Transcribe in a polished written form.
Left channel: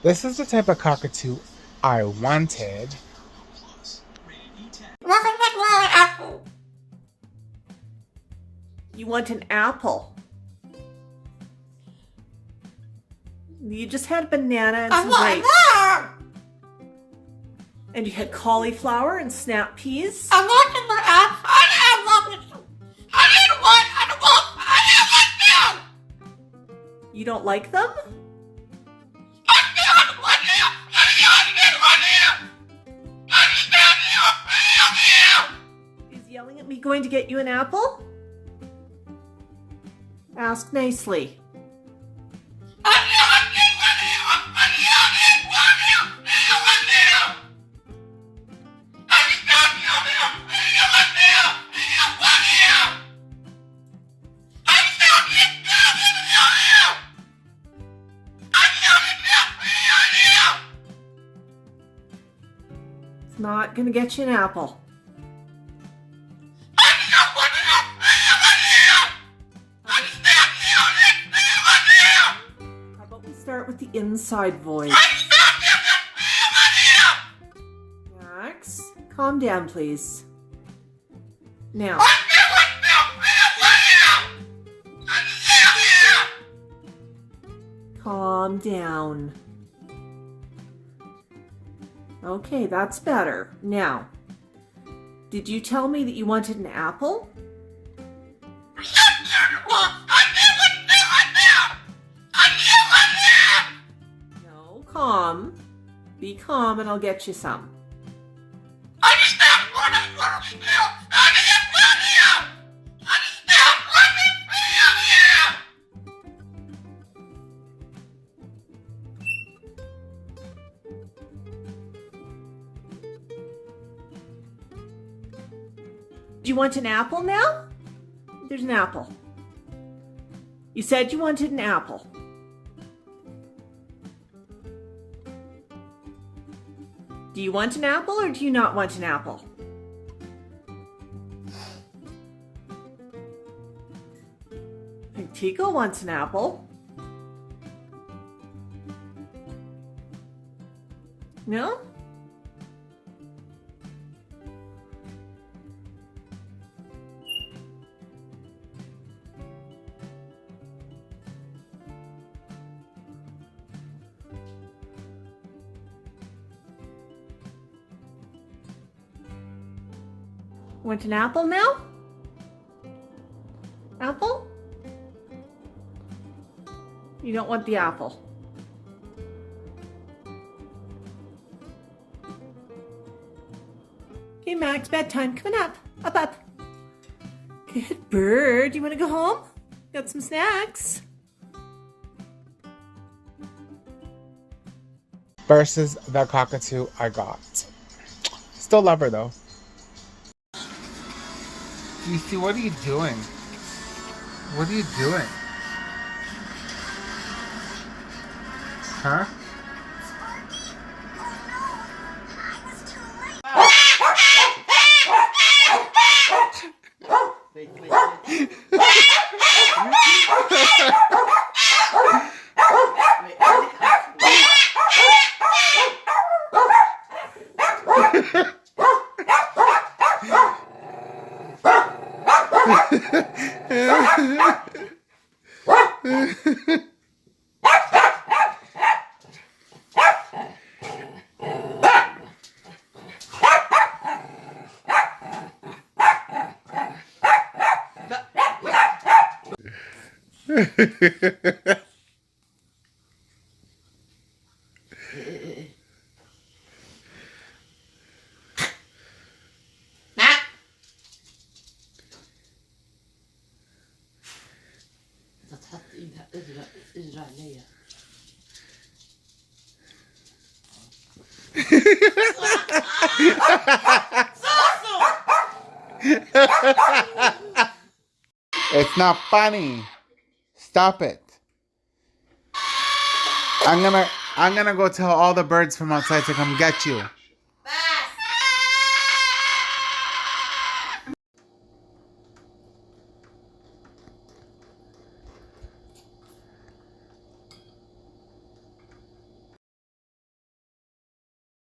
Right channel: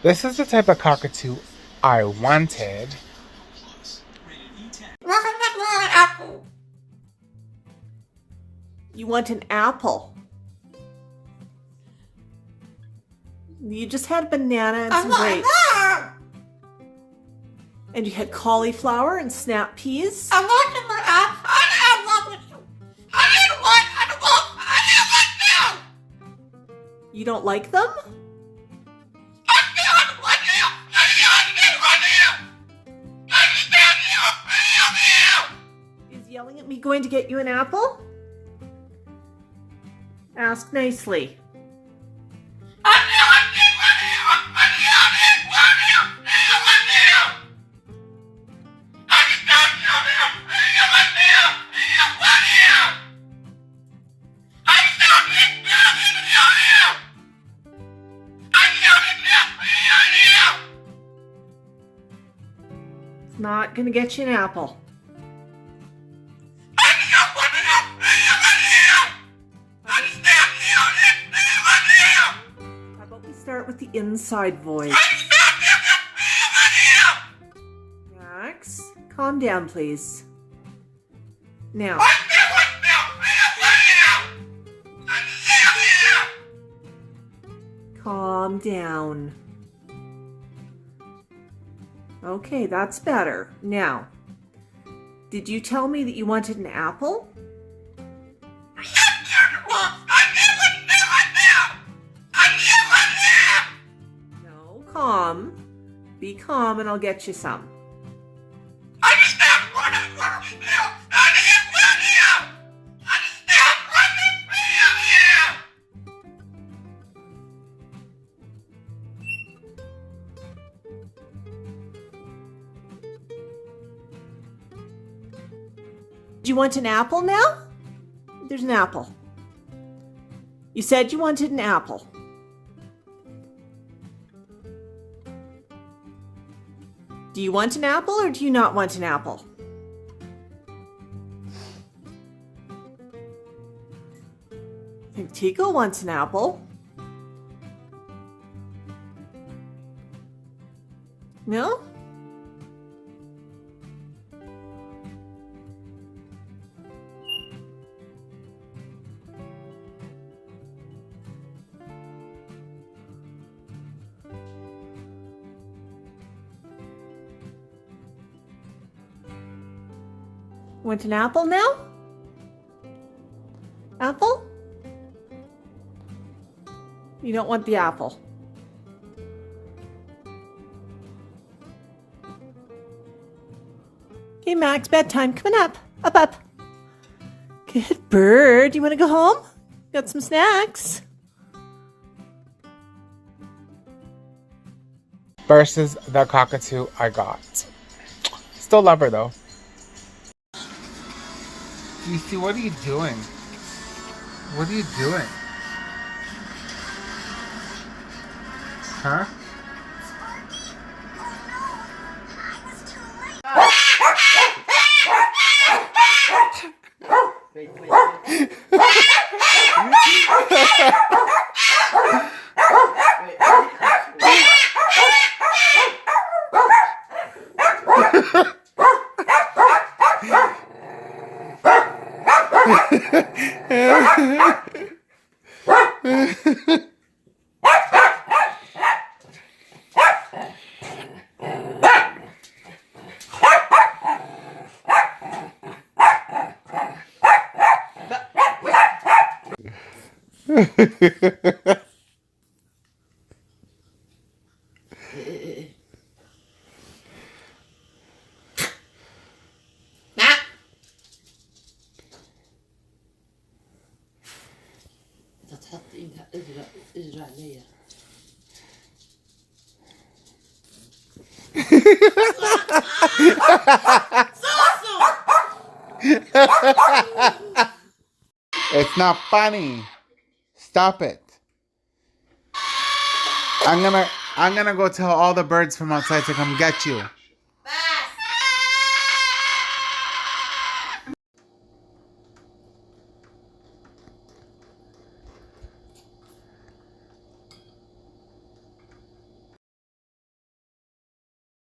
This is the type of cockatoo I wanted. You want an apple. You just had a banana and some grapes. And you had cauliflower and snap peas. You don't like them? Is yelling at me going to get you an apple? Ask nicely. It's not gonna get you an apple. How about we start with the inside voice? Max, calm down, please. Now. Calm down. Okay, that's better. Now, did you tell me that you wanted an apple? No, calm. Be calm and I'll get you some. Do you want an apple now? There's an apple. You said you wanted an apple. Do you want an apple or do you not want an apple? I think Tico wants an apple. No? Want an apple now? Apple? You don't want the apple. Okay, Max, bedtime. Come on up. Up. Good bird. You want to go home? Got some snacks. Versus the cockatoo I got. Still love her though. DC, what are you doing? What are you doing? Huh? It's not funny. Stop it. I'm gonna go tell all the birds from outside to come get you.